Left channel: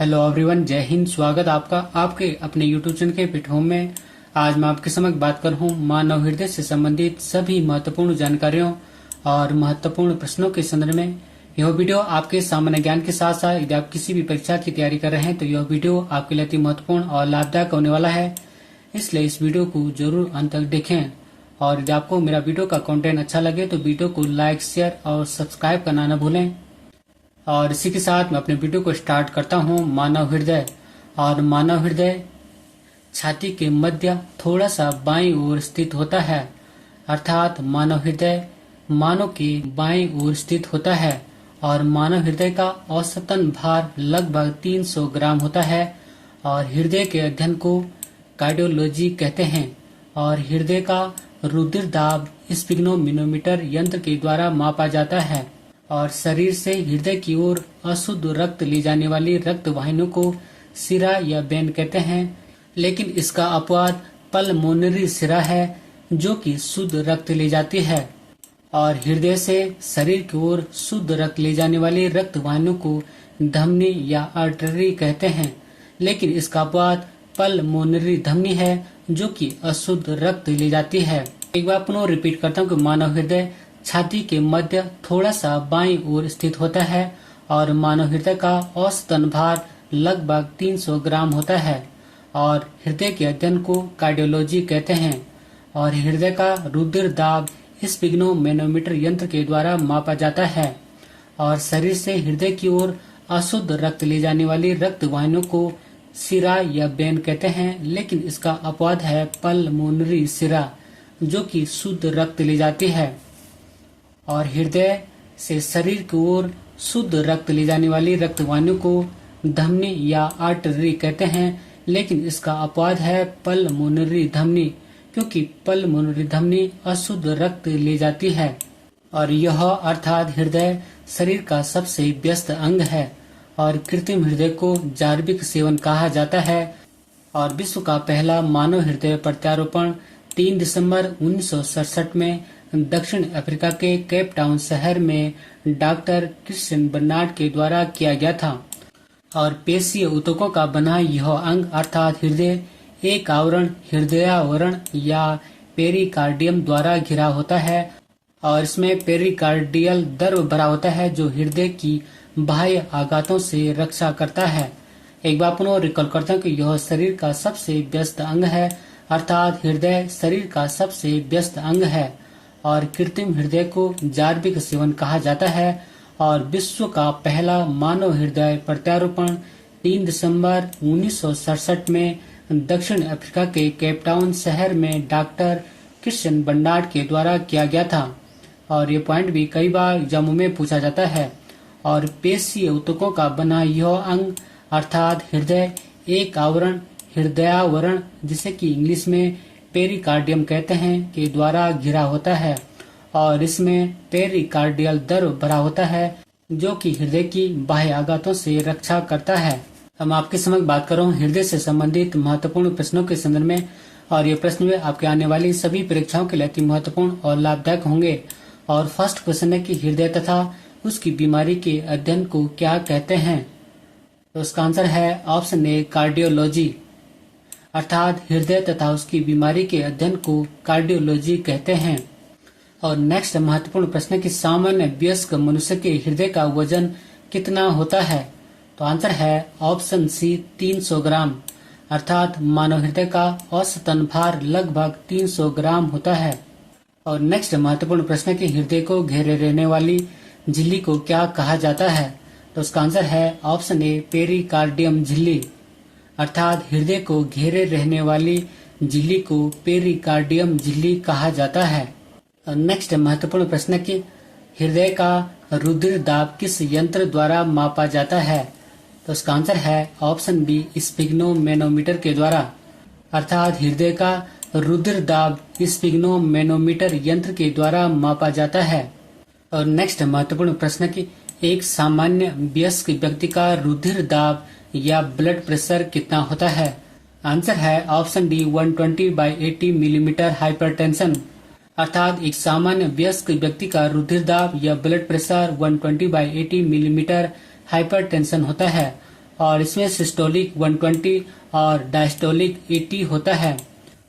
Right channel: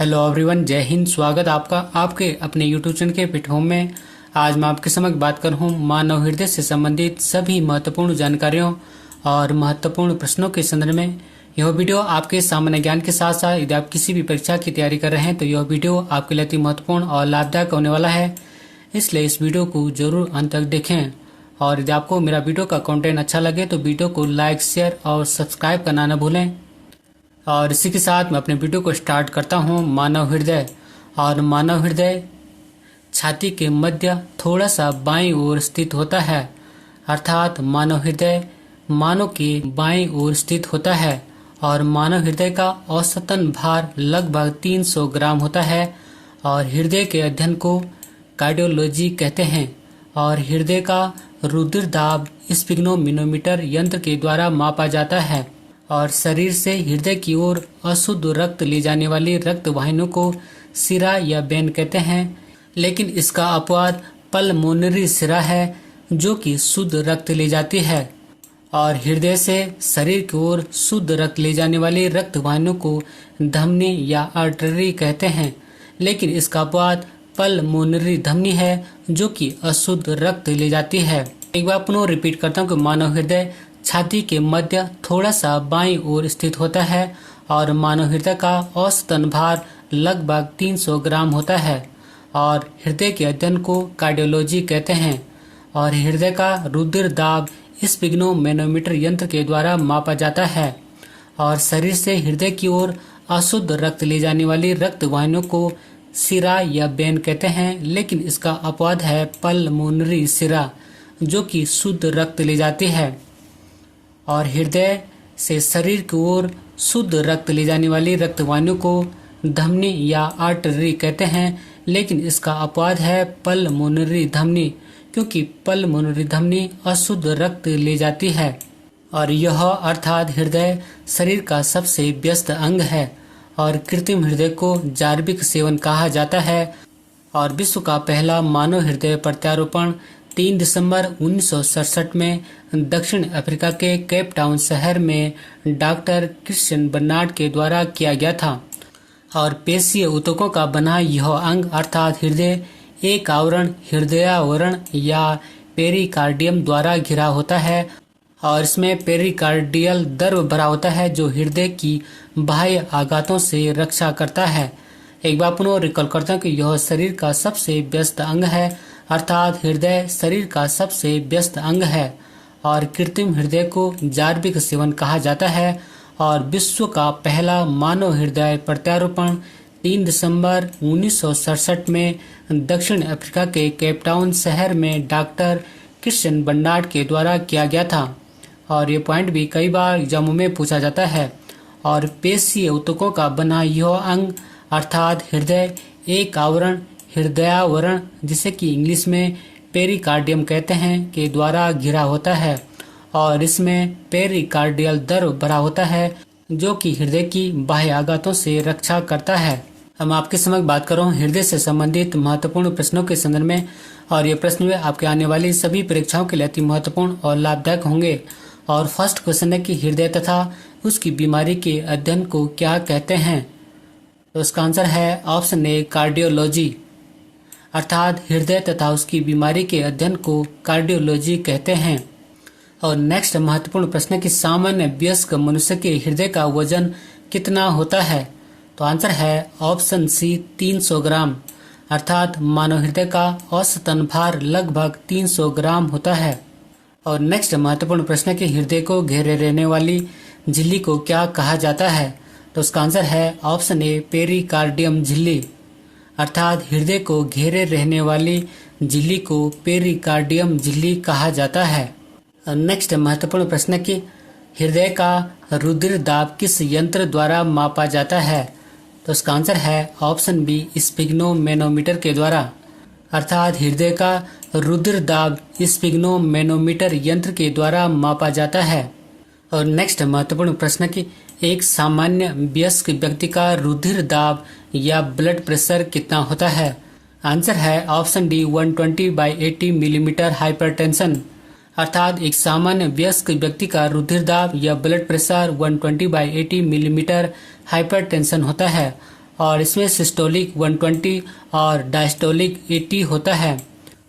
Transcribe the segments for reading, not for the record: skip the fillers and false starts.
Hello everyone, जय हिंद। स्वागत आपका आपके अपने यूट्यूब चैनल के पिट होम में। आज मैं आपके समक्ष बात कर रहा हूँ मानव हृदय से संबंधित सभी महत्वपूर्ण जानकारियों और महत्वपूर्ण प्रश्नों के संदर्भ में। यह वीडियो आपके सामान्य ज्ञान के साथ साथ यदि आप किसी भी परीक्षा की तैयारी कर रहे हैं तो यह वीडियो आपके लिए अति महत्वपूर्ण और लाभदायक होने वाला है, इसलिए इस वीडियो को जरूर अंत तक देखें। और यदि आपको मेरा वीडियो का कंटेंट अच्छा लगे तो वीडियो को लाइक, शेयर और सब्सक्राइब करना न भूलें। और इसी के साथ मैं अपने वीडियो को स्टार्ट करता हूँ। मानव हृदय और मानव हृदय छाती के मध्य थोड़ा सा बाईं ओर स्थित होता है, अर्थात मानव हृदय मानव के बाईं ओर स्थित होता है। और मानव हृदय का औसतन भार लगभग 300 ग्राम होता है। और हृदय के अध्ययन को कार्डियोलॉजी कहते हैं। और हृदय का रुधिर दाब स्फिग्नोमीटर यंत्र के द्वारा मापा जाता है। और शरीर से हृदय की ओर अशुद्ध रक्त ले जाने वाली रक्त वाहिनियों को सिरा या वेन कहते हैं, लेकिन इसका अपवाद पल्मोनरी सिरा है जो कि शुद्ध रक्त ले जाती है। और हृदय से शरीर की ओर शुद्ध रक्त ले जाने वाली रक्त वाहिनियों को धमनी या आर्टरी कहते हैं, लेकिन इसका अपवाद पल्मोनरी धमनी है जो कि अशुद्ध रक्त ले जाती है। एक बार पुनः रिपीट करता हूँ कि मानव हृदय छाती के मध्य थोड़ा सा बाईं ओर स्थित होता है और मानव हृदय का औसतन भार लगभग 300 ग्राम होता है। और हृदय के अध्ययन को कार्डियोलॉजी कहते हैं। और हृदय का रुधिर दाब स्फिग्नोमीटर यंत्र के द्वारा मापा जाता है। और शरीर से हृदय की ओर अशुद्ध रक्त ले जाने वाली रक्त वाहिनियों को सिरा या वेन कहते हैं, लेकिन इसका अपवाद है पल्मोनरी सिरा जो कि शुद्ध रक्त ले जाती है। और हृदय से शरीर की ओर शुद्ध रक्त ले जाने वाली रक्त वाहिनियों को धमनी या आर्टरी कहते हैं, लेकिन इसका अपवाद है पल्मोनरी धमनी, क्योंकि पल्मोनरी धमनी अशुद्ध रक्त ले जाती है। और यह अर्थात हृदय शरीर का सबसे व्यस्त अंग है। और कृत्रिम हृदय को जार्विक सेवन कहा जाता है। और विश्व का पहला मानव हृदय प्रत्यारोपण 3 दिसंबर 1967 में दक्षिण अफ्रीका के केप टाउन शहर में डॉक्टर क्रिश्चियन बर्नार्ड के द्वारा किया गया था। और पेशीय ऊतकों का बना यह अंग अर्थात हृदय एक आवरण हृदयावरण या पेरिकार्डियम द्वारा घिरा होता है। और इसमें पेरिकार्डियल द्रव भरा होता है जो हृदय की बाह्य आघातों से रक्षा करता है। एक बार पुनः रिकॉल करता हूँ कि यह शरीर का सबसे व्यस्त अंग है, अर्थात हृदय शरीर का सबसे व्यस्त अंग है। और कृत्रिम हृदय को जार्विक सेवन कहा जाता है। और विश्व का पहला मानव हृदय प्रत्यारोपण 3 दिसंबर 1967 में दक्षिण अफ्रीका के केप टाउन शहर में डॉक्टर क्रिश्चियन बर्नार्ड के द्वारा किया गया था। और ये पॉइंट भी कई बार एग्जामों में पूछा जाता है। और पेशीय ऊतकों का बना यह अंग अर्थात हृदय एक आवरण हृदयावरण, जिसे कि इंग्लिश में पेरिकार्डियम कहते हैं, के द्वारा घिरा होता है। और इसमें पेरिकार्डियल द्रव भरा होता है जो कि हृदय की बाह्य आघातों से रक्षा करता है। हम आपके समक्ष बात कर रहा हूँ हृदय से संबंधित महत्वपूर्ण प्रश्नों के संदर्भ में। और ये प्रश्न में आपके आने वाली सभी परीक्षाओं के लिए अति महत्वपूर्ण और लाभदायक होंगे। और फर्स्ट क्वेश्चन है कि हृदय तथा उसकी बीमारी के अध्ययन को क्या कहते हैं। तो इसका आंसर है ऑप्शन ए कार्डियोलॉजी, अर्थात हृदय तथा उसकी बीमारी के अध्ययन को कार्डियोलॉजी कहते हैं। और नेक्स्ट महत्वपूर्ण प्रश्न है कि सामान्य वयस्क मनुष्य के हृदय का वजन कितना होता है। तो आंसर है ऑप्शन सी 300 ग्राम, अर्थात मानव हृदय का औसतन भार लगभग 300 ग्राम होता है। और नेक्स्ट महत्वपूर्ण प्रश्न है कि हृदय को घेरे रहने वाली झिल्ली को क्या कहा जाता है। तो उसका आंसर है ऑप्शन ए पेरिकार्डियम झिल्ली, अर्थात हृदय को घेरे रहने वाली झिल्ली को पेरिकार्डियम झिल्ली कहा जाता है। नेक्स्ट महत्वपूर्ण प्रश्न कि हृदय का रुधिर दाब किस यंत्र द्वारा मापा जाता है। तो उसका आंसर है ऑप्शन बी स्फिग्नोमीटर के द्वारा, अर्थात हृदय का रुधिर दाब स्फिग्नोमीटर यंत्र के द्वारा मापा जाता है। और नेक्स्ट महत्वपूर्ण प्रश्न कि एक सामान्य वयस्क व्यक्ति का रुधिर दाब या ब्लड प्रेशर कितना होता है। आंसर है ऑप्शन डी 120/80 मिलीमीटर हाइपरटेंशन, अर्थात एक सामान्य वयस्क व्यक्ति का रुधिर दाब या ब्लड प्रेशर 120/80 मिलीमीटर हाइपरटेंशन होता है। और इसमें सिस्टोलिक 120 और डायस्टोलिक 80 होता है।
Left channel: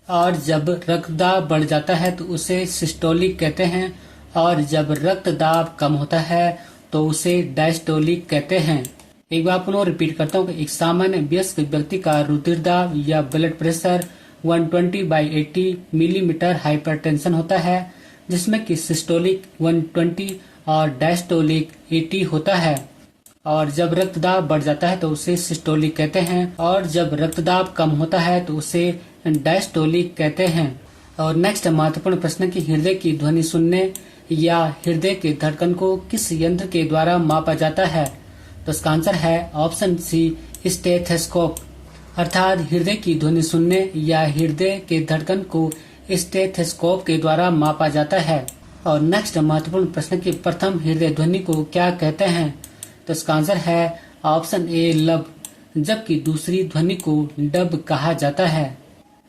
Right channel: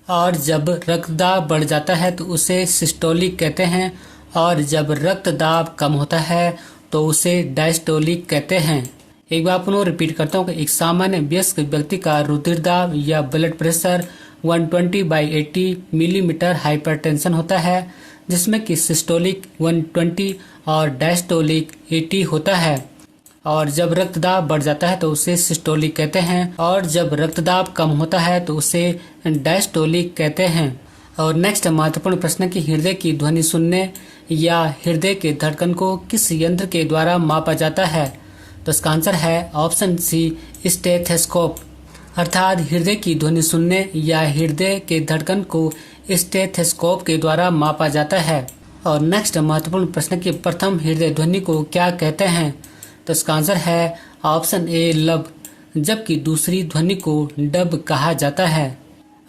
और जब रक्तदाब बढ़ जाता है तो उसे सिस्टोलिक कहते हैं, और जब रक्तदाब कम होता है तो उसे डायस्टोलिक कहते हैं। एक बार पुनः रिपीट करता हूँ कि एक सामान्य वयस्क व्यक्ति का रुधिर दाब या ब्लड प्रेशर 120/80 मिलीमीटर हाइपरटेंशन होता है, जिसमें कि सिस्टोलिक 120 और डायस्टोलिक 80 होता है। और जब रक्तदाब बढ़ जाता है तो उसे सिस्टोलिक कहते हैं, और जब रक्तदाब कम होता है तो उसे डायस्टोलिक कहते हैं। और नेक्स्ट महत्वपूर्ण प्रश्न की हृदय की ध्वनि सुनने या हृदय के धड़कन को किस यंत्र के द्वारा मापा जाता है? तो इसका आंसर है ऑप्शन सी, स्टेथोस्कोप। अर्थात हृदय की ध्वनि सुनने या हृदय के धड़कन को स्टेथोस्कोप के द्वारा मापा जाता है। और नेक्स्ट महत्वपूर्ण प्रश्न की प्रथम हृदय ध्वनि को क्या कहते हैं? तो इसका आंसर है ऑप्शन ए, लब, जबकि दूसरी ध्वनि को डब कहा जाता है।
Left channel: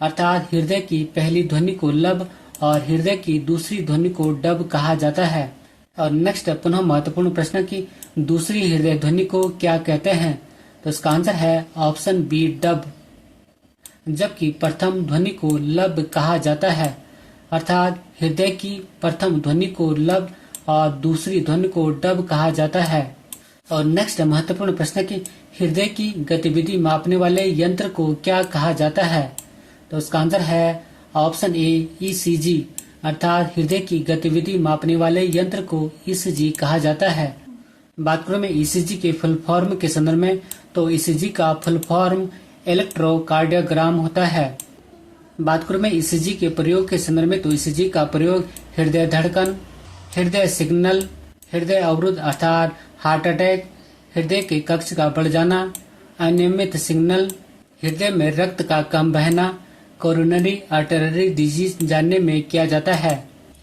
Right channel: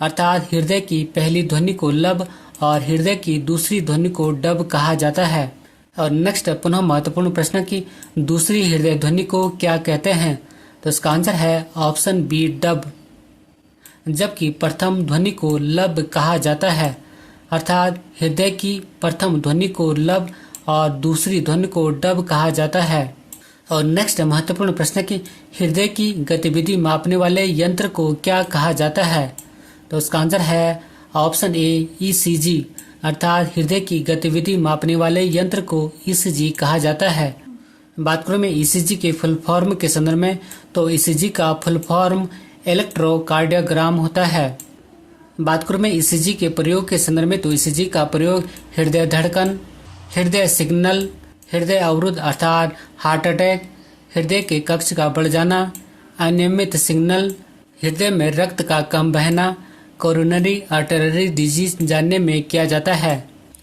अर्थात हृदय की पहली ध्वनि को लब और हृदय की दूसरी ध्वनि को डब कहा जाता है। और नेक्स्ट पुनः महत्वपूर्ण प्रश्न की दूसरी हृदय ध्वनि को क्या कहते हैं? तो इसका आंसर है ऑप्शन बी, डब, जबकि प्रथम ध्वनि को लब कहा जाता है। अर्थात हृदय की प्रथम ध्वनि को लब और दूसरी ध्वनि को डब कहा जाता है। और नेक्स्ट महत्वपूर्ण प्रश्न की हृदय की गतिविधि मापने वाले यंत्र को क्या कहा जाता है? तो इसका आंसर है ऑप्शन ए, ईसीजी। अर्थात हृदय की गतिविधि मापने वाले यंत्र को ईसीजी कहा जाता है। बात करें मैं ईसीजी के फुल फॉर्म के संदर्भ में, तो ईसीजी का फुल फॉर्म इलेक्ट्रोकार्डियोग्राम होता है। बात करूं मैं ईसीजी के प्रयोग के संदर्भ में, तो ईसीजी का प्रयोग हृदय धड़कन, हृदय सिग्नल, हृदय अवरुद्ध अर्थात हार्ट अटैक, हृदय के कक्ष का बढ़ जाना, अनियमित सिग्नल, हृदय में रक्त का कम बहना, कोरोनरी आर्टरी डिजीज जानने में किया जाता है।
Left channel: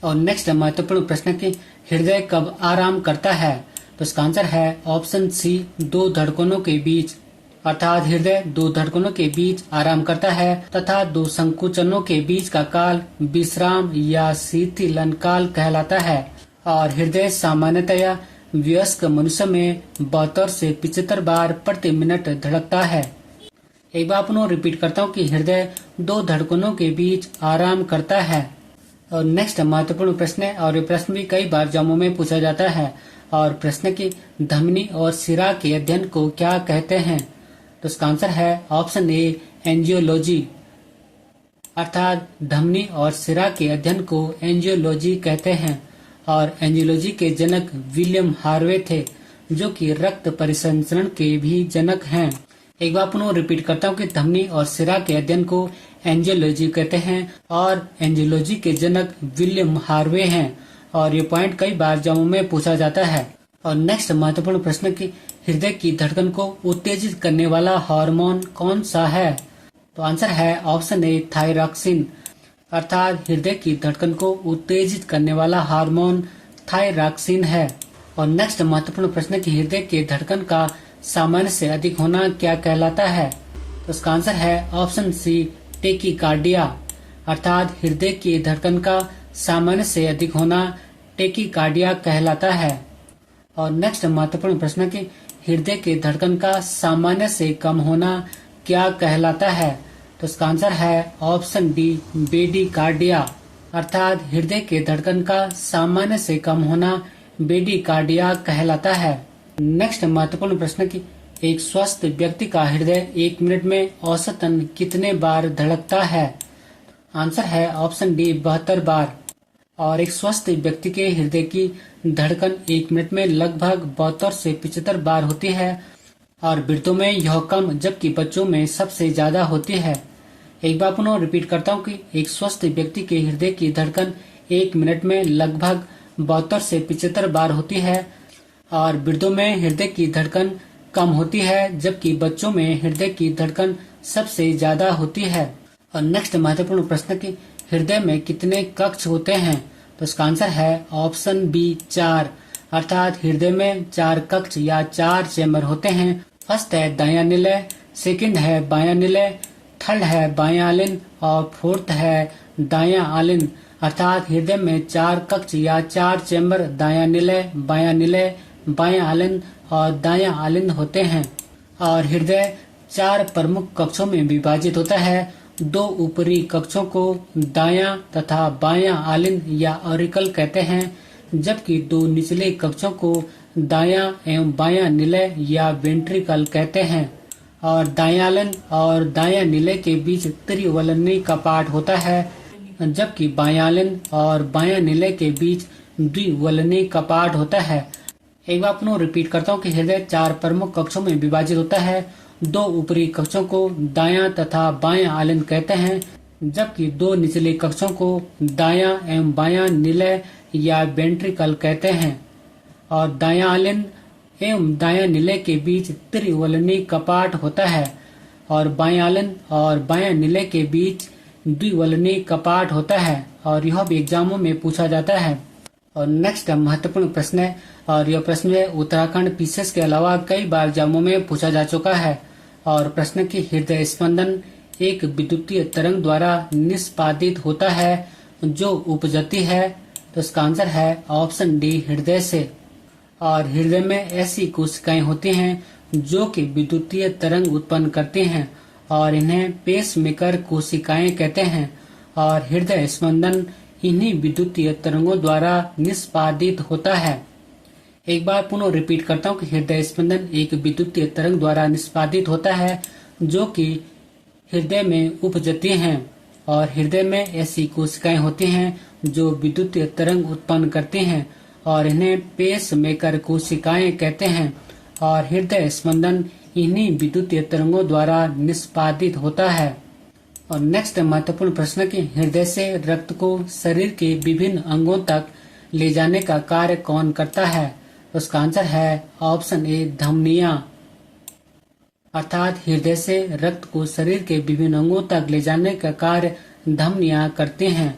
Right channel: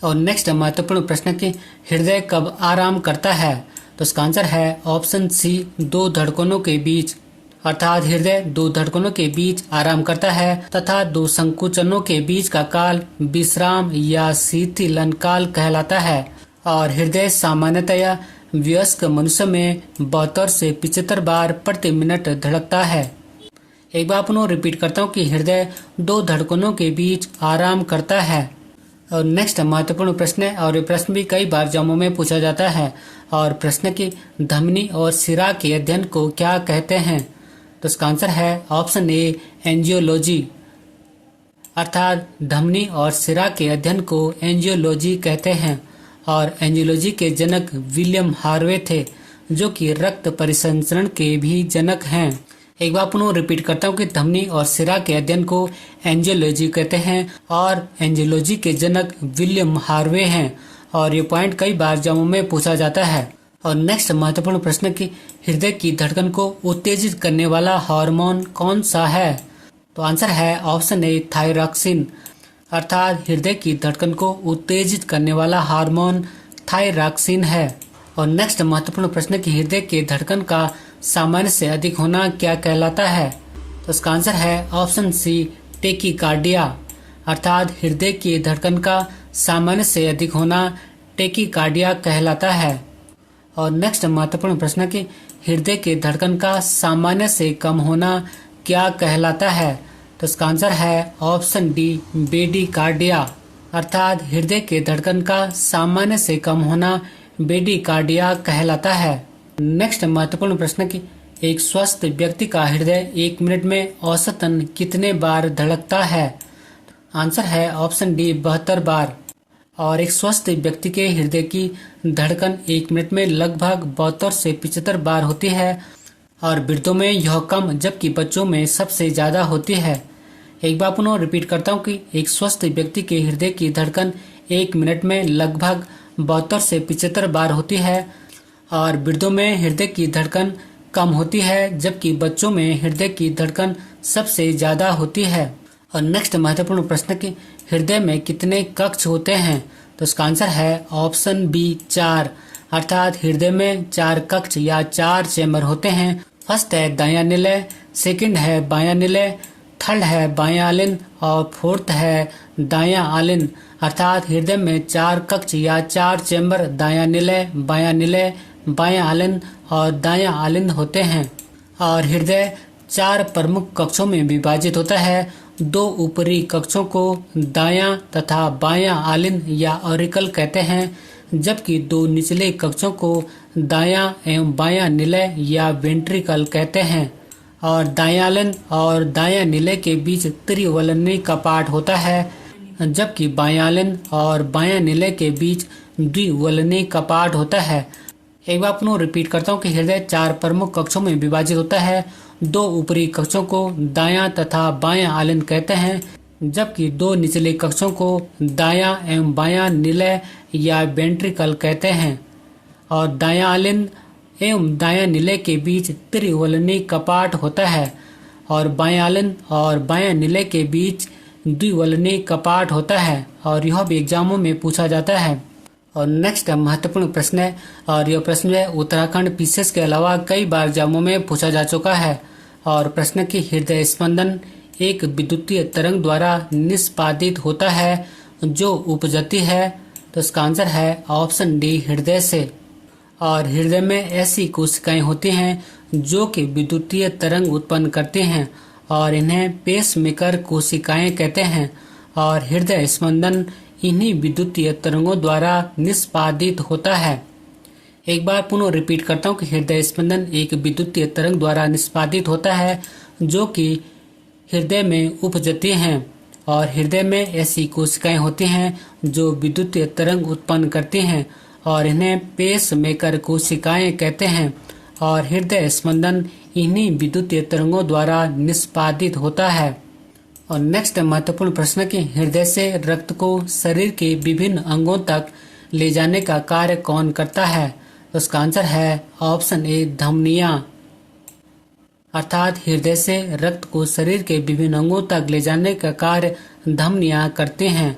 और नेक्स्ट महत्वपूर्ण प्रश्न की हृदय कब आराम करता है? तो इसका आंसर है ऑप्शन सी, दो धड़कनों के बीच। अर्थात हृदय दो धड़कनों के बीच आराम करता है तथा दो संकुचनों के बीच का काल विश्राम या शीतलन काल कहलाता है। और हृदय सामान्यतया वयस्क मनुष्य में 72 से 75 बार प्रति मिनट धड़कता है। एक बार पुनः रिपीट करता हूँ कि हृदय दो धड़कनों के बीच आराम करता है। और नेक्स्ट महत्वपूर्ण प्रश्न है, और ये प्रश्न भी कई बार एग्जामों में पूछा जाता है। और प्रश्न की धमनी और सिरा के अध्ययन को क्या कहते हैं? तो इसका आंसर है ऑप्शन ए, एंजियोलॉजी। अर्थात धमनी और सिरा के अध्ययन को एंजियोलॉजी कहते हैं। और एंजियोलॉजी के जनक विलियम हार्वे थे, जो कि रक्त परिसंचरण के भी जनक हैं। एक बार पुनः रिपीट करता हूँ कि धमनी और सिरा के अध्ययन को एंजियोलॉजी कहते हैं और एंजियोलॉजी के जनक विलियम हार्वे हैं। और ये पॉइंट कई बार एग्जामों में पूछा जाता है। और नेक्स्ट महत्वपूर्ण प्रश्न की हृदय की धड़कन को उत्तेजित करने वाला हार्मोन कौन सा है? तो आंसर है ऑप्शन ए, थायरॉक्सिन। अर्थात हृदय की धड़कन को उत्तेजित करने वाला हार्मोन थायरॉक्सिन है। और नेक्स्ट महत्वपूर्ण प्रश्न की हृदय के धड़कन का सामान्य से अधिक होना क्या कहलाता है? तो इसका आंसर है ऑप्शन सी, टेकीकार्डिया। अर्थात हृदय की धड़कन का सामान्य से अधिक होना टेकीकार्डिया कहलाता है। और नेक्स्ट महत्वपूर्ण प्रश्न की हृदय के धड़कन का सामान्य से कम होना क्या कहलाता है? तो इसका आंसर है ऑप्शन डी, बेडीकार्डिया। अर्थात हृदय के धड़कन का सामान्य से कम होना बेडीकार्डिया कहलाता है। नेक्स्ट महत्वपूर्ण प्रश्न की एक स्वस्थ व्यक्ति का हृदय 1 मिनट में औसतन कितने बार धड़कता है? आंसर है ऑप्शन डी, 72 बार। और एक स्वस्थ व्यक्ति के हृदय की धड़कन 1 मिनट में लगभग 72 से 75 बार होती है। और वृद्धों में यह कम, जबकि बच्चों में सबसे ज्यादा होती है। एक बार पुनः रिपीट करता हूँ कि एक स्वस्थ व्यक्ति के हृदय की धड़कन 1 मिनट में लगभग 72 से 75 बार होती है। और वृद्धों में हृदय की धड़कन कम होती है, जबकि बच्चों में हृदय की धड़कन सबसे ज्यादा होती है। और नेक्स्ट महत्वपूर्ण प्रश्न की हृदय में कितने कक्ष होते हैं? तो इसका आंसर है ऑप्शन बी, 4। अर्थात हृदय में 4 कक्ष या 4 चैम्बर होते हैं। फर्स्ट है दायां निलय, सेकंड है बायां निलय, थर्ड है बायां आलिन और फोर्थ है दायां आलिन। अर्थात हृदय में 4 कक्ष या 4 चैम्बर दायां निलय, बायां आलिन और दायां आलिन होते हैं। और हृदय 4 प्रमुख कक्षों में विभाजित होता है। 2 ऊपरी कक्षों को दायां तथा बायां आलिन या ऑरिकल कहते हैं, जबकि 2 निचले कक्षों को दायां एवं बायां निलय या वेंट्रिकल कहते हैं। और दायां आलिन और दायां निलय के बीच त्रिवलनी कपाट होता है, जबकि बायां आलिन और बायां निलय के बीच द्विवलनी कपाट होता है। एक बार पुनः रिपीट करता हूँ कि हृदय 4 प्रमुख कक्षों में विभाजित होता है। 2 ऊपरी कक्षों को दायां तथा बायां आलिन कहते हैं, जबकि 2 निचले कक्षों को दायां एवं बायां निलय या वेंट्रिकल कहते हैं। और दायां आलिन एवं दायां निलय के बीच त्रिवलनी कपाट होता है और बायां आलिन और बायां निलय के बीच द्विवलनी कपाट होता है। और यह भी एग्जामों में पूछा जाता है। और नेक्स्ट महत्वपूर्ण प्रश्न है, और यह प्रश्न है उत्तराखंड पीसीएस के अलावा कई बार एग्जामों में पूछा जा चुका है। और प्रश्न की हृदय स्पंदन एक विद्युतीय तरंग द्वारा निष्पादित होता है जो उपजती है। तो इसका आंसर है ऑप्शन डी, हृदय से। और हृदय में ऐसी कोशिकाएं होती हैं जो कि विद्युतीय तरंग उत्पन्न करती हैं और इन्हें पेसमेकर कोशिकाएं कहते हैं। और हृदय स्पंदन इन्हीं विद्युतीय तरंगों द्वारा निष्पादित होता है। एक बार पुनः रिपीट करता हूँ कि हृदय स्पंदन एक विद्युतीय तरंग द्वारा निष्पादित होता है जो कि हृदय में उपजती हैं। और हृदय में ऐसी कोशिकाएं होती हैं जो विद्युतीय तरंग उत्पन्न करती हैं और इन्हें पेसमेकर कोशिकाएं कहते हैं। और हृदय स्पंदन इन्हीं विद्युतीय तरंगों द्वारा निष्पादित होता है। और नेक्स्ट महत्वपूर्ण प्रश्न कि हृदय से रक्त को शरीर के विभिन्न अंगों तक ले जाने का कार्य कौन करता है। तो उसका आंसर है ऑप्शन ए, धमनियां। अर्थात हृदय से रक्त को शरीर के विभिन्न अंगों तक ले जाने का कार्य धमनियां करते हैं।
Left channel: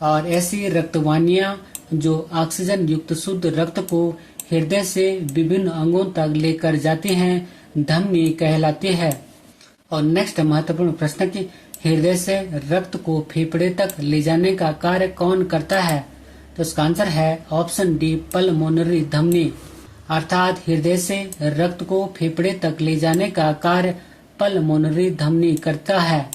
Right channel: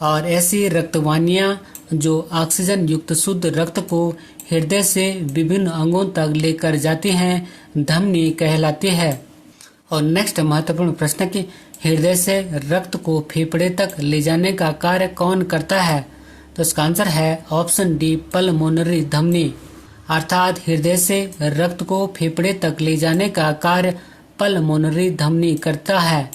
और ऐसी रक्तवाहिनियां जो ऑक्सीजन युक्त शुद्ध रक्त को हृदय से विभिन्न अंगों तक लेकर जाती हैं, धमनी कहलाती है। और नेक्स्ट महत्वपूर्ण प्रश्न कि हृदय से रक्त को फेफड़े तक ले जाने का कार्य कौन करता है। तो इसका आंसर है ऑप्शन डी, पल्मोनरी धमनी। अर्थात हृदय से रक्त को फेफड़े तक ले जाने का कार्य पल्मोनरी धमनी करता है।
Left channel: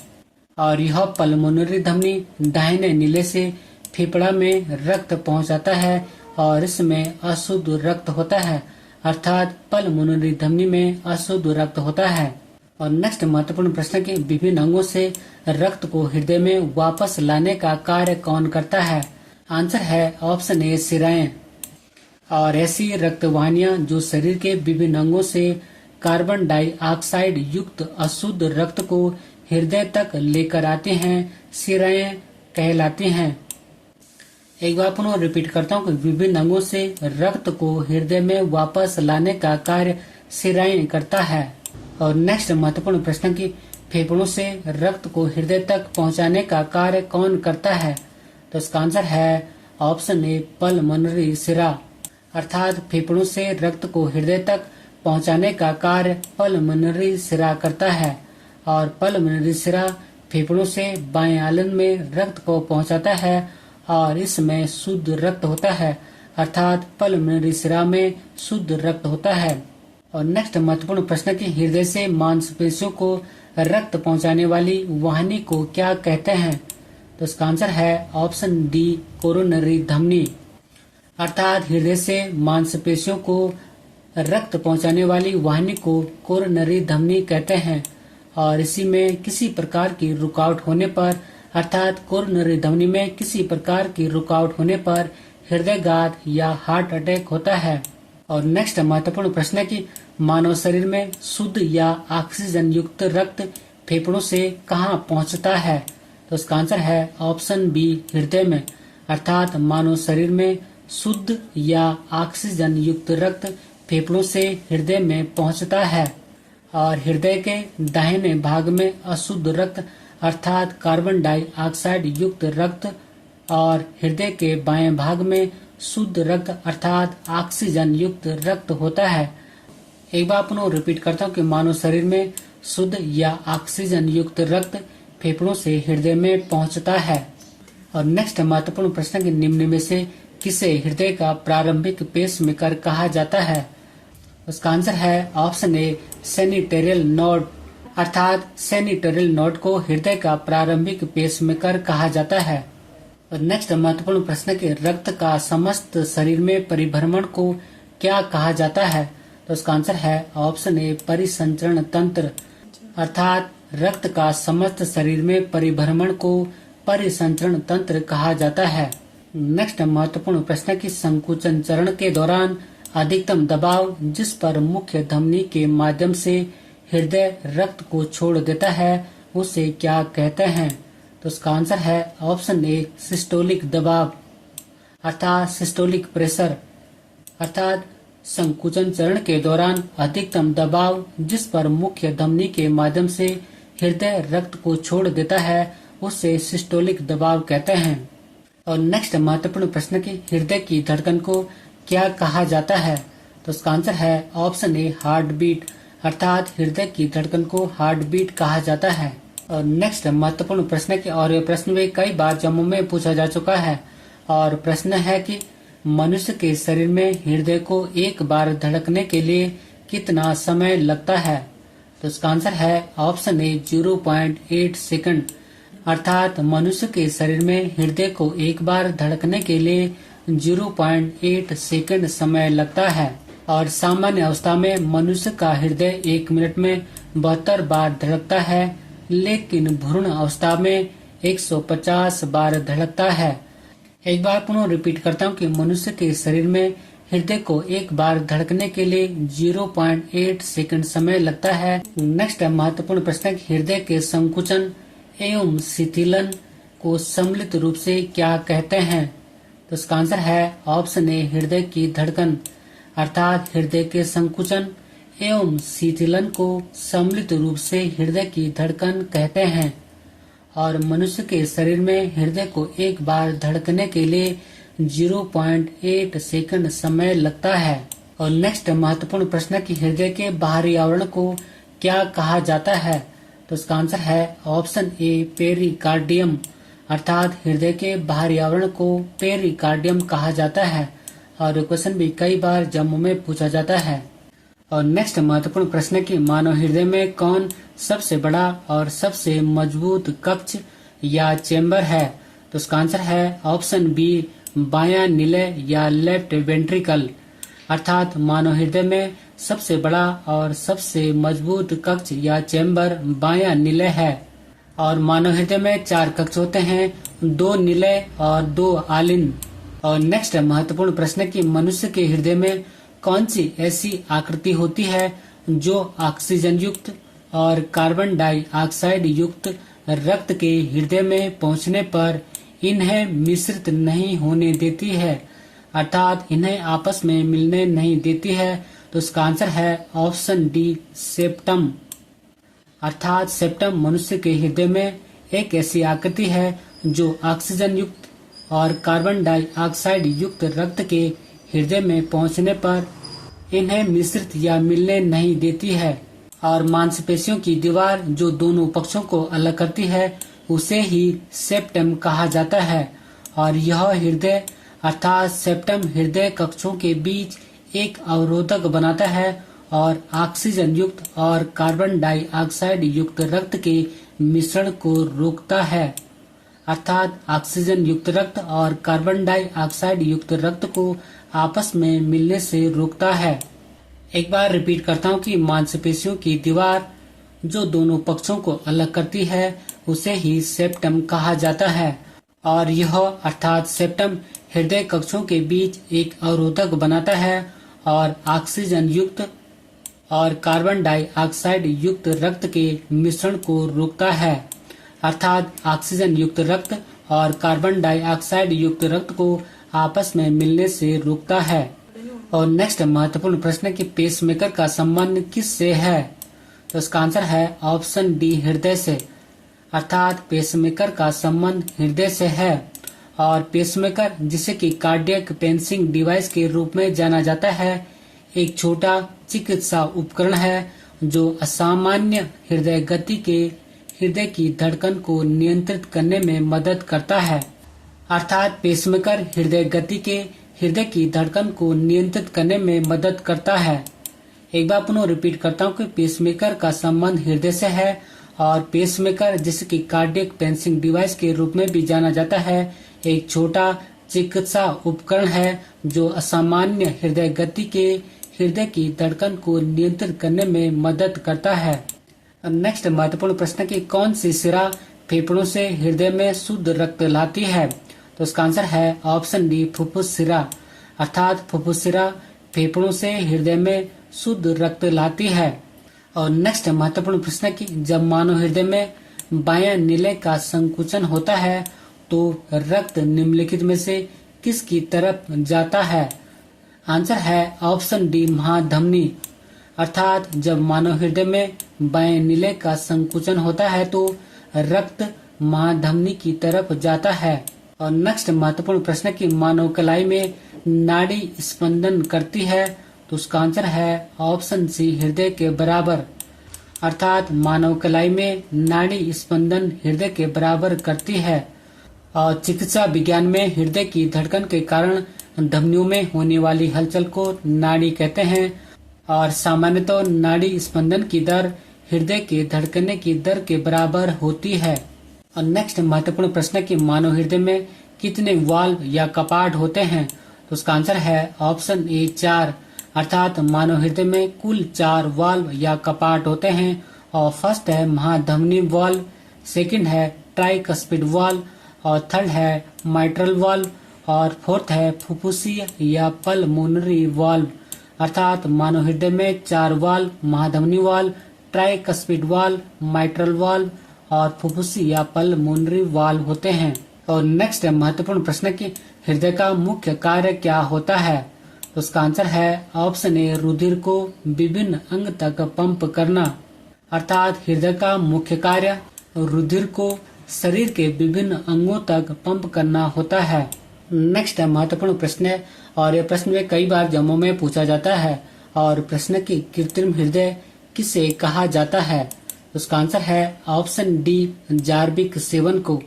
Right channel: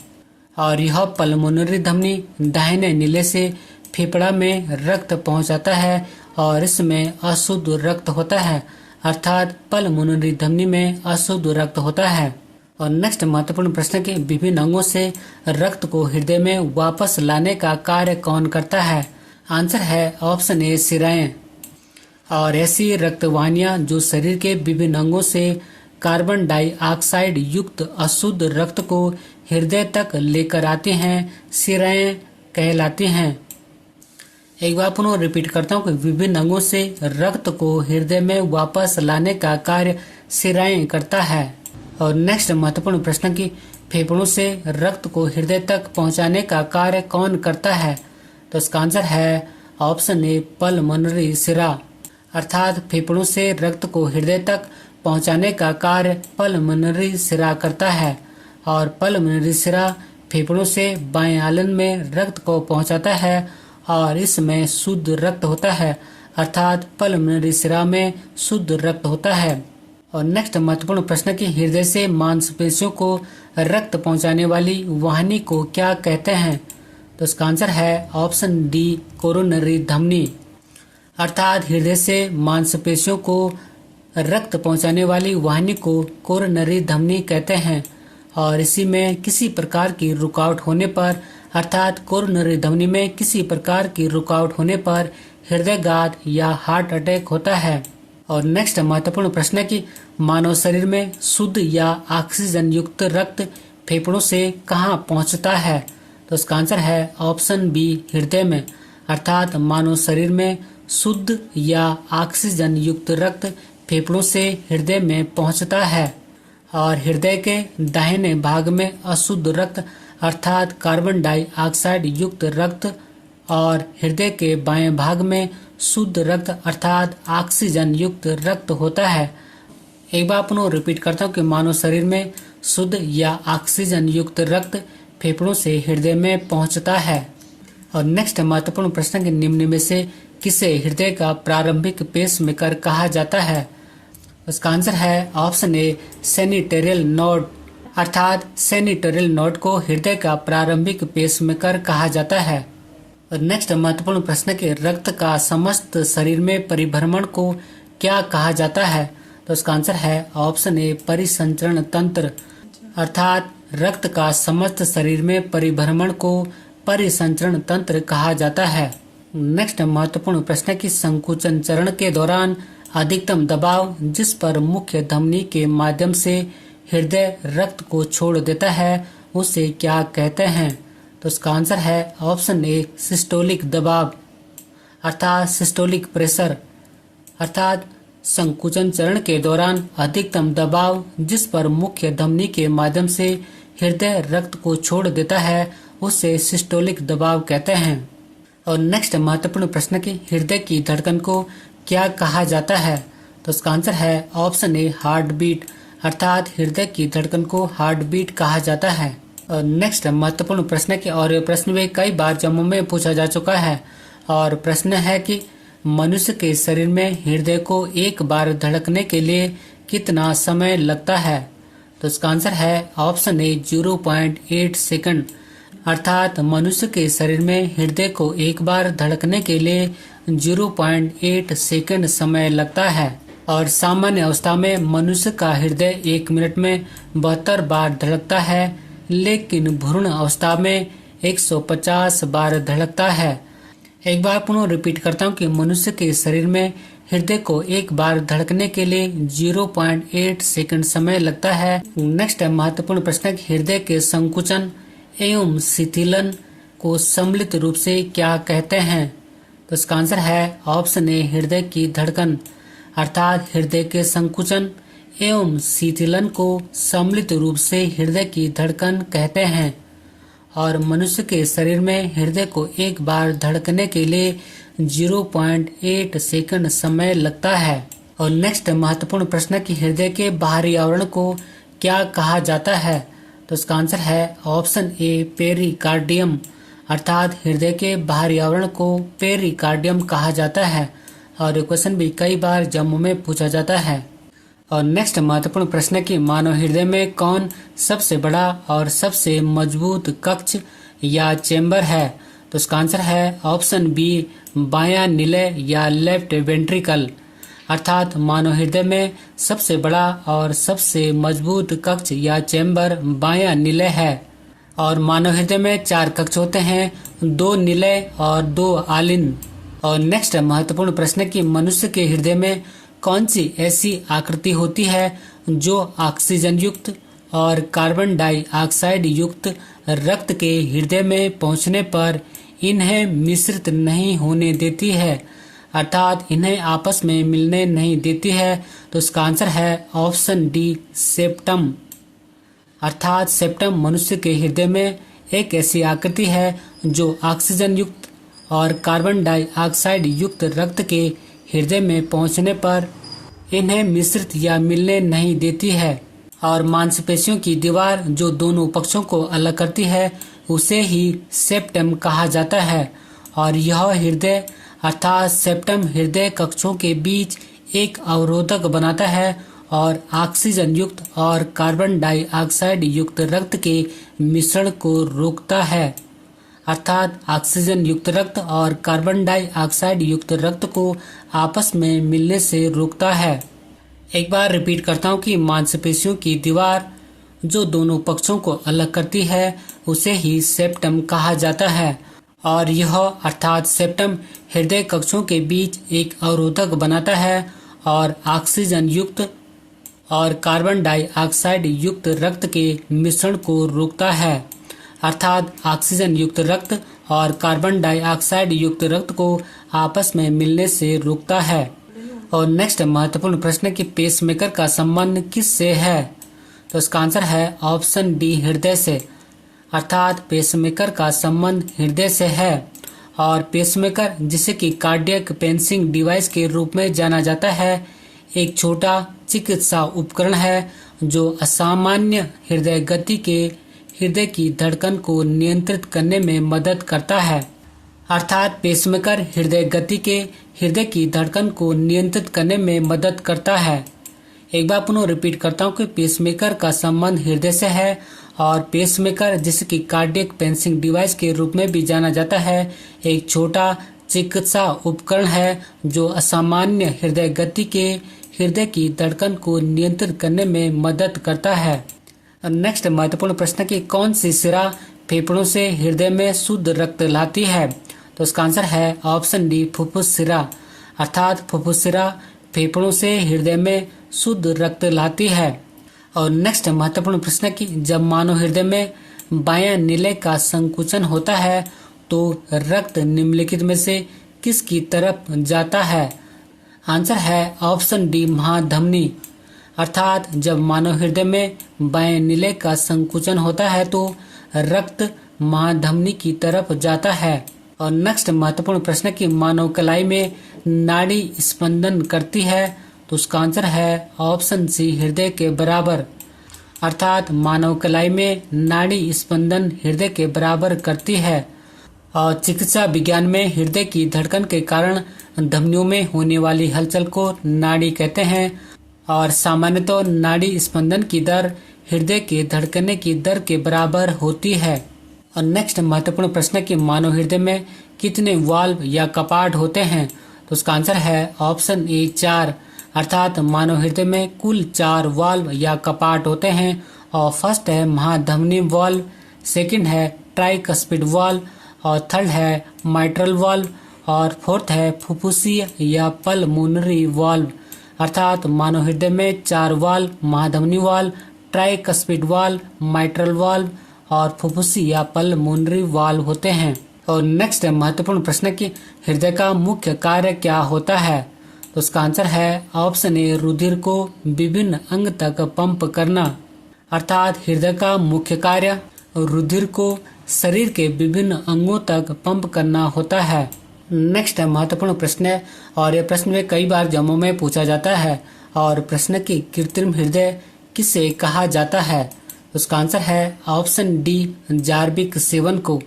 और यह पल्मोनरी धमनी दाहिने नीले से फेफड़ा में रक्त पहुंचाता है और इसमें अशुद्ध रक्त होता है। अर्थात पल्मोनरी धमनी में अशुद्ध रक्त होता है। और नेक्स्ट महत्वपूर्ण प्रश्न के विभिन्न अंगों से रक्त को हृदय में वापस लाने का कार्य कौन करता है। आंसर है ऑप्शन ए, शिराएं। और ऐसी रक्तवाहिनियां जो शरीर के विभिन्न अंगों से कार्बन डाइऑक्साइड युक्त अशुद्ध रक्त को हृदय तक लेकर आते हैं, शिराएं कहलाती हैं। एक बार पुनः रिपीट करता हूँ कि विभिन्न अंगों से रक्त को हृदय में वापस लाने का कार्य शिराएं करता है। और नेक्स्ट महत्वपूर्ण प्रश्न की फेफड़ों से रक्त को हृदय तक पहुंचाने का कार्य कौन करता है। तो इसका आंसर है ऑप्शन ए, पल्मोनरी शिरा। अर्थात फेफड़ों से रक्त को हृदय तक पहुंचाने का कार्य पल्मोनरी शिरा करता है। और पल्मोनरी शिरा फेफड़ों से बाएं आलिन में रक्त को पहुंचाता है और इसमें शुद्ध रक्त होता है। अर्थात पल्मोनरी शिरा में शुद्ध रक्त होता है। और नेक्स्ट महत्वपूर्ण प्रश्न की हृदय से मांसपेशियों को रक्त पहुंचाने वाली वाहिनी को क्या कहते हैं। तो इसका आंसर है ऑप्शन डी, कोरोनरी धमनी। अर्थात हृदय से मांसपेशियों को रक्त पहुंचाने वाली वाहिनी को कोरोनरी धमनी कहते हैं। और इसी में किसी प्रकार की रुकावट होने पर, अर्थात कोरोनरी धमनी में किसी प्रकार की रुकावट होने पर हृदयघात या हार्ट अटैक होता है। और नेक्स्ट महत्वपूर्ण प्रश्न है कि मानव शरीर में शुद्ध या ऑक्सीजन युक्त रक्त फेफड़ों से कहाँ पहुँचता है। तो इसका आंसर है ऑप्शन बी, हृदय में। अर्थात मानव शरीर में शुद्ध या ऑक्सीजन युक्त रक्त फेफड़ों से हृदय में पहुँचता है। और हृदय के दाहिने भाग में अशुद्ध रक्त अर्थात कार्बन डाइऑक्साइड युक्त रक्त और हृदय के बाएं भाग में शुद्ध रक्त अर्थात ऑक्सीजन युक्त रक्त होता है। एक बार पुनः रिपीट करता हूँ कि मानव शरीर में शुद्ध या ऑक्सीजन युक्त रक्त फेफड़ों से हृदय में पहुँचता है। और नेक्स्ट महत्वपूर्ण प्रश्न के निम्न में से किसे हृदय का प्रारंभिक पेसमेकर कहा जाता है। उसका आंसर है ऑप्शन ए सेनिटेरियल नोड, अर्थात सेनिटेरियल नोड को हृदय का प्रारंभिक पेसमेकर कहा जाता है। और नेक्स्ट महत्वपूर्ण प्रश्न के रक्त का समस्त शरीर में परिभ्रमण को क्या कहा जाता है? तो उसका आंसर है ऑप्शन ए परिसंचरण तंत्र, अर्थात रक्त का समस्त शरीर में परिभ्रमण को परिसंचरण तंत्र कहा जाता है। नेक्स्ट महत्वपूर्ण प्रश्न की संकुचन चरण के दौरान अधिकतम दबाव जिस पर मुख्य धमनी के माध्यम से हृदय रक्त को छोड़ देता है उसे क्या कहते हैं? तो उसका आंसर है ऑप्शन ए सिस्टोलिक दबाव, अर्थात सिस्टोलिक प्रेशर, अर्थात संकुचन चरण के दौरान अधिकतम दबाव जिस पर मुख्य धमनी के माध्यम से हृदय रक्त को छोड़ देता है उसे सिस्टोलिक दबाव कहते हैं। और नेक्स्ट महत्वपूर्ण प्रश्न की हृदय की धड़कन को क्या कहा जाता है? तो उसका आंसर है ऑप्शन ए हार्ट बीट, अर्थात हृदय की धड़कन को हार्ट बीट कहा जाता है। और नेक्स्ट महत्वपूर्ण प्रश्न की और ये प्रश्न भी कई बार जम्मू में पूछा जा चुका है और प्रश्न है कि मनुष्य के शरीर में हृदय को एक बार धड़कने के लिए कितना समय लगता है? तो इसका आंसर है ऑप्शन ए 0.8 सेकंड, अर्थात मनुष्य के शरीर में हृदय को एक बार धड़कने के लिए 0.8 सेकंड समय लगता है। और सामान्य अवस्था में मनुष्य का हृदय 1 मिनट में 72 बार धड़कता है, लेकिन भ्रूण अवस्था में 150 बार धड़कता है। एक बार पुनः रिपीट करता हूँ कि मनुष्य के शरीर में हृदय को एक बार धड़कने के लिए 0.8 सेकंड समय लगता है। नेक्स्ट महत्वपूर्ण प्रश्न, हृदय के संकुचन एवं शिथिलन को सम्मिलित रूप से क्या कहते हैं? तो इसका आंसर है ऑप्शन ए हृदय की धड़कन, अर्थात हृदय के संकुचन एवं शिथिलन को सम्मिलित रूप से हृदय की धड़कन कहते हैं। और मनुष्य के शरीर में हृदय को एक बार धड़कने के लिए 0.8 सेकंड समय लगता है। और नेक्स्ट महत्वपूर्ण प्रश्न की हृदय के बाहरी आवरण को क्या कहा जाता है? तो इसका आंसर है ऑप्शन ए पेरिकार्डियम, अर्थात हृदय के बाहरी आवरण को पेरिकार्डियम कहा जाता है। और ये क्वेश्चन भी कई बार जम्मू में पूछा जाता है। और नेक्स्ट महत्वपूर्ण प्रश्न की मानव हृदय में कौन सबसे बड़ा और सबसे मजबूत कक्ष या चेंबर है? तो उसका आंसर है ऑप्शन बी बायां निलय या लेफ्ट वेंट्रिकल, अर्थात मानव हृदय में सबसे बड़ा और सबसे मजबूत कक्ष या चेंबर बायां निलय है। और मानव हृदय में 4 कक्ष होते हैं, 2 निलय और 2 आलिन। और नेक्स्ट महत्वपूर्ण प्रश्न की मनुष्य के हृदय में कौन सी ऐसी आकृति होती है जो ऑक्सीजन युक्त और कार्बन डाइऑक्साइड युक्त रक्त के हृदय में पहुंचने पर इन्हें मिश्रित नहीं होने देती है, अर्थात इन्हें आपस में मिलने नहीं देती है? तो इसका आंसर है ऑप्शन डी सेप्टम, अर्थात सेप्टम मनुष्य के हृदय में एक ऐसी आकृति है जो ऑक्सीजन युक्त और कार्बन डाइऑक्साइड युक्त रक्त के हृदय में पहुंचने पर इन्हें मिश्रित या मिलने नहीं देती है। और मांसपेशियों की दीवार जो दोनों पक्षों को अलग करती है उसे ही सेप्टम कहा जाता है। और यह हृदय अर्थात सेप्टम हृदय कक्षों के बीच एक अवरोधक बनाता है और ऑक्सीजन युक्त और कार्बन डाइऑक्साइड युक्त रक्त के मिश्रण को रोकता है, अर्थात ऑक्सीजन युक्त रक्त और कार्बन डाइऑक्साइड युक्त रक्त को आपस में मिलने से रोकता है। एक बार रिपीट करता हूँ कि मांसपेशियों की दीवार जो दोनों पक्षों को अलग करती है उसे ही सेप्टम कहा जाता है। और यह अर्थात सेप्टम हृदय कक्षों के बीच एक अवरोधक बनाता है और ऑक्सीजन युक्त और कार्बन डाइऑक्साइड युक्त रक्त के मिश्रण को रोकता है, अर्थात ऑक्सीजन युक्त रक्त और कार्बन डाइऑक्साइड युक्त रक्त को आपस में मिलने से रोकता है। और नेक्स्ट महत्वपूर्ण प्रश्न कि पेसमेकर का संबंध किससे है? तो इसका आंसर है ऑप्शन डी हृदय से, अर्थात पेसमेकर का संबंध हृदय से है। और पेसमेकर जिसे कि कार्डियक पेंसिंग डिवाइस के रूप में जाना जाता है एक छोटा चिकित्सा उपकरण है जो असामान्य हृदय गति के हृदय की धड़कन को नियंत्रित करने में मदद करता है, अर्थात पेसमेकर हृदय गति के हृदय की धड़कन को नियंत्रित करने में मदद करता है। एक बार पुनः रिपीट करता हूँ कि पेसमेकर का संबंध हृदय से है और पेसमेकर, जिसे कि कार्डियक पेंसिंग डिवाइस के रूप में भी जाना जाता है, एक छोटा चिकित्सा उपकरण है जो असामान्य हृदय गति के हृदय की धड़कन को नियंत्रित करने में मदद करता है। नेक्स्ट महत्वपूर्ण प्रश्न कि कौन सी शिरा फेफड़ों से हृदय में शुद्ध रक्त लाती है? तो इसका आंसर है ऑप्शन डी, फुफ्फुस शिरा। अर्थात फुफ्फुस शिरा फेफड़ों से हृदय में शुद्ध रक्त लाती है। और नेक्स्ट महत्वपूर्ण प्रश्न कि जब मानव हृदय में बायां नीले का संकुचन होता है तो रक्त निम्नलिखित में से किसकी तरफ जाता है? आंसर है ऑप्शन डी, महाधमनी। अर्थात जब मानव हृदय में बाएं नीले का संकुचन होता है तो रक्त महाधमनी की तरफ जाता है। और नेक्स्ट महत्वपूर्ण प्रश्न कि मानव कलाई में नाड़ी स्पंदन करती है, तो उसका आंसर है ऑप्शन सी, हृदय के बराबर। अर्थात मानव कलाई में नाड़ी स्पंदन हृदय के बराबर करती है। और चिकित्सा विज्ञान में हृदय की धड़कन के कारण धमनियों में होने वाली हलचल को नाड़ी कहते हैं। और सामान्यतः नाड़ी स्पंदन की दर हृदय के धड़कने की दर के बराबर होती है। और नेक्स्ट महत्वपूर्ण प्रश्न कि मानव हृदय में कितने वाल्व या कपाट होते हैं? तो उसका आंसर है ऑप्शन ए, 4। अर्थात मानव हृदय में कुल 4 वाल्व या कपाट होते हैं। और फर्स्ट है महाधमनी वाल्व, सेकंड है ट्राइकस्पिड वाल्व, और थर्ड है माइट्रल वाल्व, और फोर्थ है फुफ्फुसीय या पल्मोनरी वाल्व। अर्थात मानव हृदय में 4 वाल्व, महाधमनी valve, tricuspid valve, mitral valve और फुफ्फुसी या पल्मोनरी वाल्व होते हैं। और नेक्स्ट महत्वपूर्ण प्रश्न कि हृदय का मुख्य कार्य क्या होता है? तो उसका आंसर है ऑप्शन ए, रुधिर को विभिन्न अंग तक पंप करना। अर्थात हृदय का मुख्य कार्य रुधिर को शरीर के विभिन्न अंगों तक पंप करना होता है। नेक्स्ट महत्वपूर्ण प्रश्न है और यह प्रश्न में कई बार जमों में पूछा जाता है। और प्रश्न की कृत्रिम हृदय किसे कहा जाता है? उसका आंसर है ऑप्शन डी, जार्विक 7 को।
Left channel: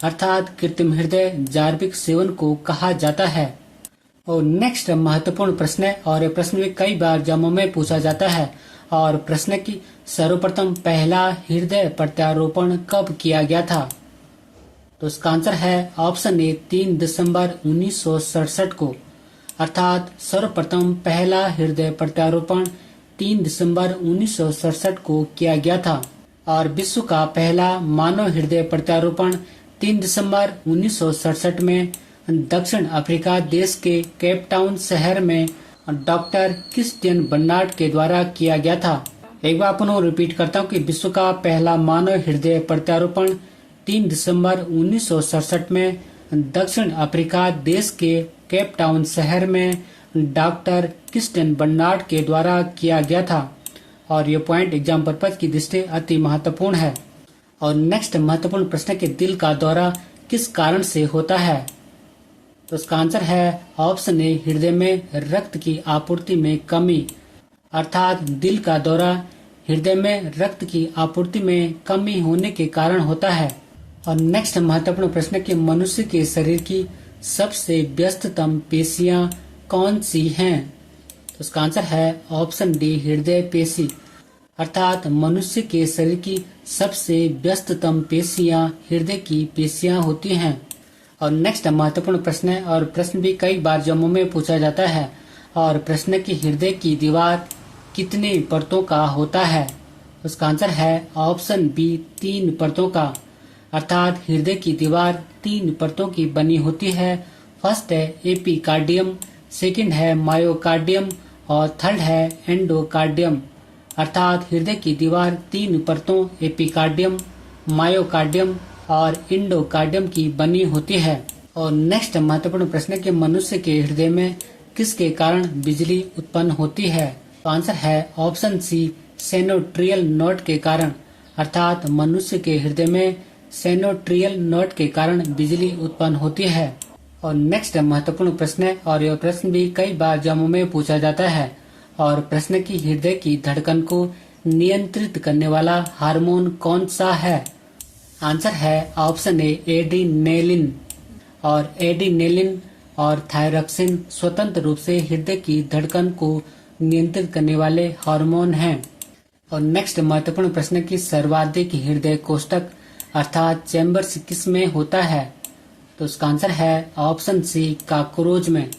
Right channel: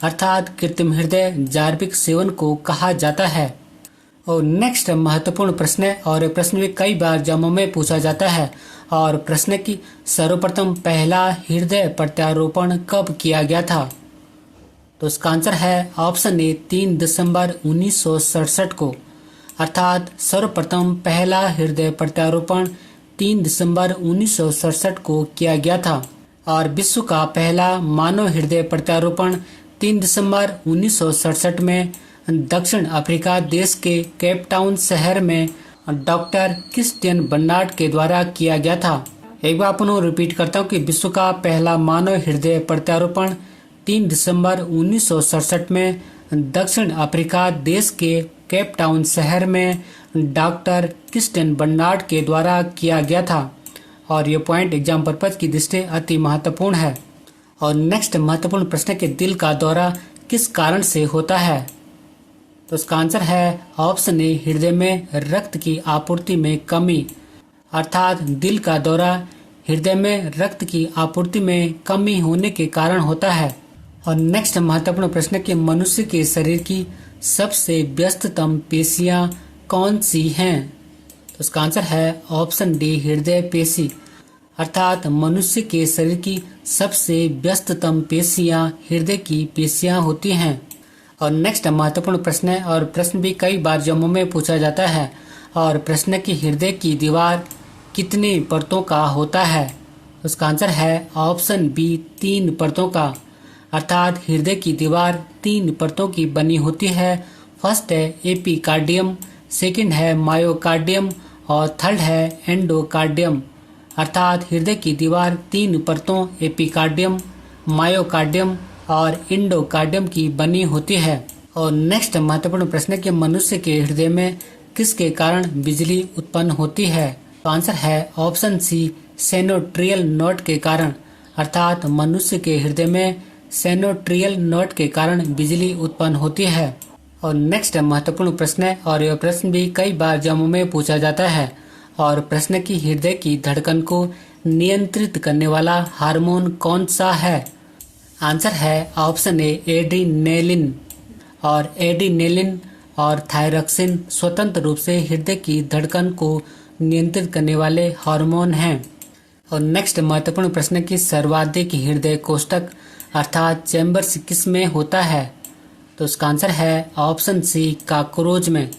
अर्थात कृत्रिम हृदय जार्विक 7 को कहा जाता है। और नेक्स्ट महत्वपूर्ण प्रश्न है और यह प्रश्न में कई बार जमों में पूछा जाता है। और प्रश्न की सर्वप्रथम पहला हृदय प्रत्यारोपण कब किया गया था? तो उसका आंसर है ऑप्शन ए, 3 दिसंबर 1967 को। अर्थात सर्वप्रथम पहला हृदय प्रत्यारोपण 3 दिसंबर 1967 को किया गया था। और विश्व का पहला मानव हृदय प्रत्यारोपण 3 दिसंबर 1967 में दक्षिण अफ्रीका देश के केप टाउन शहर में डॉक्टर क्रिस्टियन बर्नार्ड के द्वारा किया गया था। एक बार पुनः रिपीट करता हूँ कि विश्व का पहला मानव हृदय प्रत्यारोपण 3 दिसंबर 1967 में दक्षिण अफ्रीका देश के केप टाउन शहर में डॉक्टर क्रिस्टियन बर्नार्ड के द्वारा किया गया था। और ये पॉइंट एग्जाम पर्पज की दृष्टि अति महत्वपूर्ण है। और नेक्स्ट महत्वपूर्ण प्रश्न के दिल का दौरा किस कारण से होता है? तो उसका आंसर है ऑप्शन ए, हृदय में रक्त की आपूर्ति में कमी। अर्थात दिल का दौरा हृदय में रक्त की आपूर्ति में कमी होने के कारण होता है। और नेक्स्ट महत्वपूर्ण प्रश्न कि मनुष्य के शरीर की सबसे व्यस्ततम पेशियां कौन सी हैं? तो उसका आंसर है ऑप्शन डी, हृदय पेशी। अर्थात मनुष्य के शरीर की सबसे व्यस्ततम पेशियां हृदय की पेशियां होती हैं। और नेक्स्ट महत्वपूर्ण प्रश्न है और प्रश्न भी कई बार जम्मू में पूछा जाता है। और प्रश्न की हृदय की दीवार कितनी परतों का होता है? उसका आंसर है ऑप्शन बी, 3 परतों का। अर्थात हृदय की दीवार 3 परतों की बनी होती है। फर्स्ट है एपिकार्डियम, सेकंड है मायोकार्डियम और थर्ड है एंडोकार्डियम। अर्थात हृदय की दीवार 3 परतों एपिकार्डियम, मायोकार्डियम और एंडोकार्डियम की बनी होती है। और नेक्स्ट महत्वपूर्ण प्रश्न है कि मनुष्य के हृदय में किसके कारण बिजली उत्पन्न होती है? तो आंसर है ऑप्शन सी, सेनोट्रियल नोड के कारण। अर्थात मनुष्य के हृदय में सेनोट्रियल नोड के कारण बिजली उत्पन्न होती है। और नेक्स्ट महत्वपूर्ण प्रश्न है और यह प्रश्न भी कई बार जम्मू में पूछा जाता है। और प्रश्न की हृदय की धड़कन को नियंत्रित करने वाला हार्मोन कौन सा है? आंसर है ऑप्शन ए, एड्रीनेलिन। और एड्रीनेलिन और थायरॉक्सिन स्वतंत्र रूप से हृदय की धड़कन को नियंत्रित करने वाले हार्मोन हैं। और नेक्स्ट महत्वपूर्ण प्रश्न की सर्वाधिक हृदय कोष्ठक अर्थात चैम्बर्स किस में होता है? तो उसका आंसर है ऑप्शन सी, कॉकरोच में।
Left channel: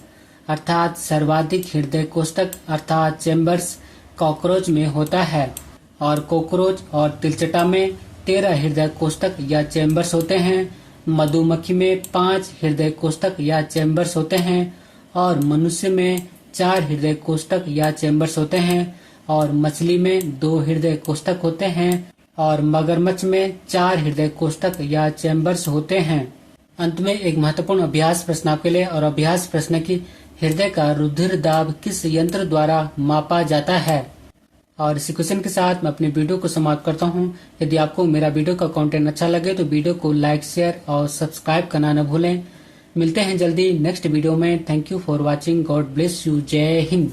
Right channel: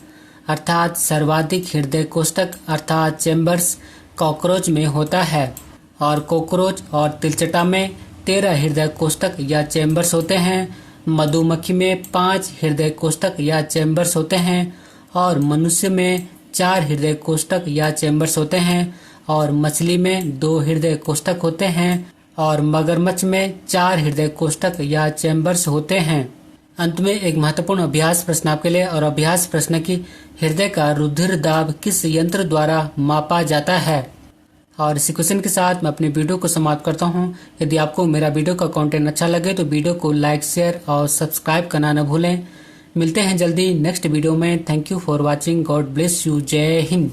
अर्थात सर्वाधिक हृदय कोष्ठक अर्थात चैम्बर्स कॉकरोच में होता है। और कॉकरोच और तिलचटा में 13 हृदय कोष्ठक या चैम्बर्स होते हैं। मधुमक्खी में 5 हृदय कोष्ठक या चैम्बर्स होते हैं। और मनुष्य में 4 हृदय कोष्ठक या चैम्बर्स होते हैं। और मछली में 2 हृदय कोष्ठक होते हैं। और मगरमच्छ में 4 हृदय कोष्ठक या चैम्बर्स होते हैं। अंत में एक महत्वपूर्ण अभ्यास प्रश्न आपके लिए। और अभ्यास प्रश्न की हृदय का रुधिर दाब किस यंत्र द्वारा मापा जाता है? और इसी क्वेश्चन के साथ मैं अपने वीडियो को समाप्त करता हूं। यदि आपको मेरा वीडियो का कंटेंट अच्छा लगे तो वीडियो को लाइक, शेयर और सब्सक्राइब करना न भूलें। मिलते हैं जल्दी नेक्स्ट वीडियो में। Thank you for watching. God bless you. जय हिंद।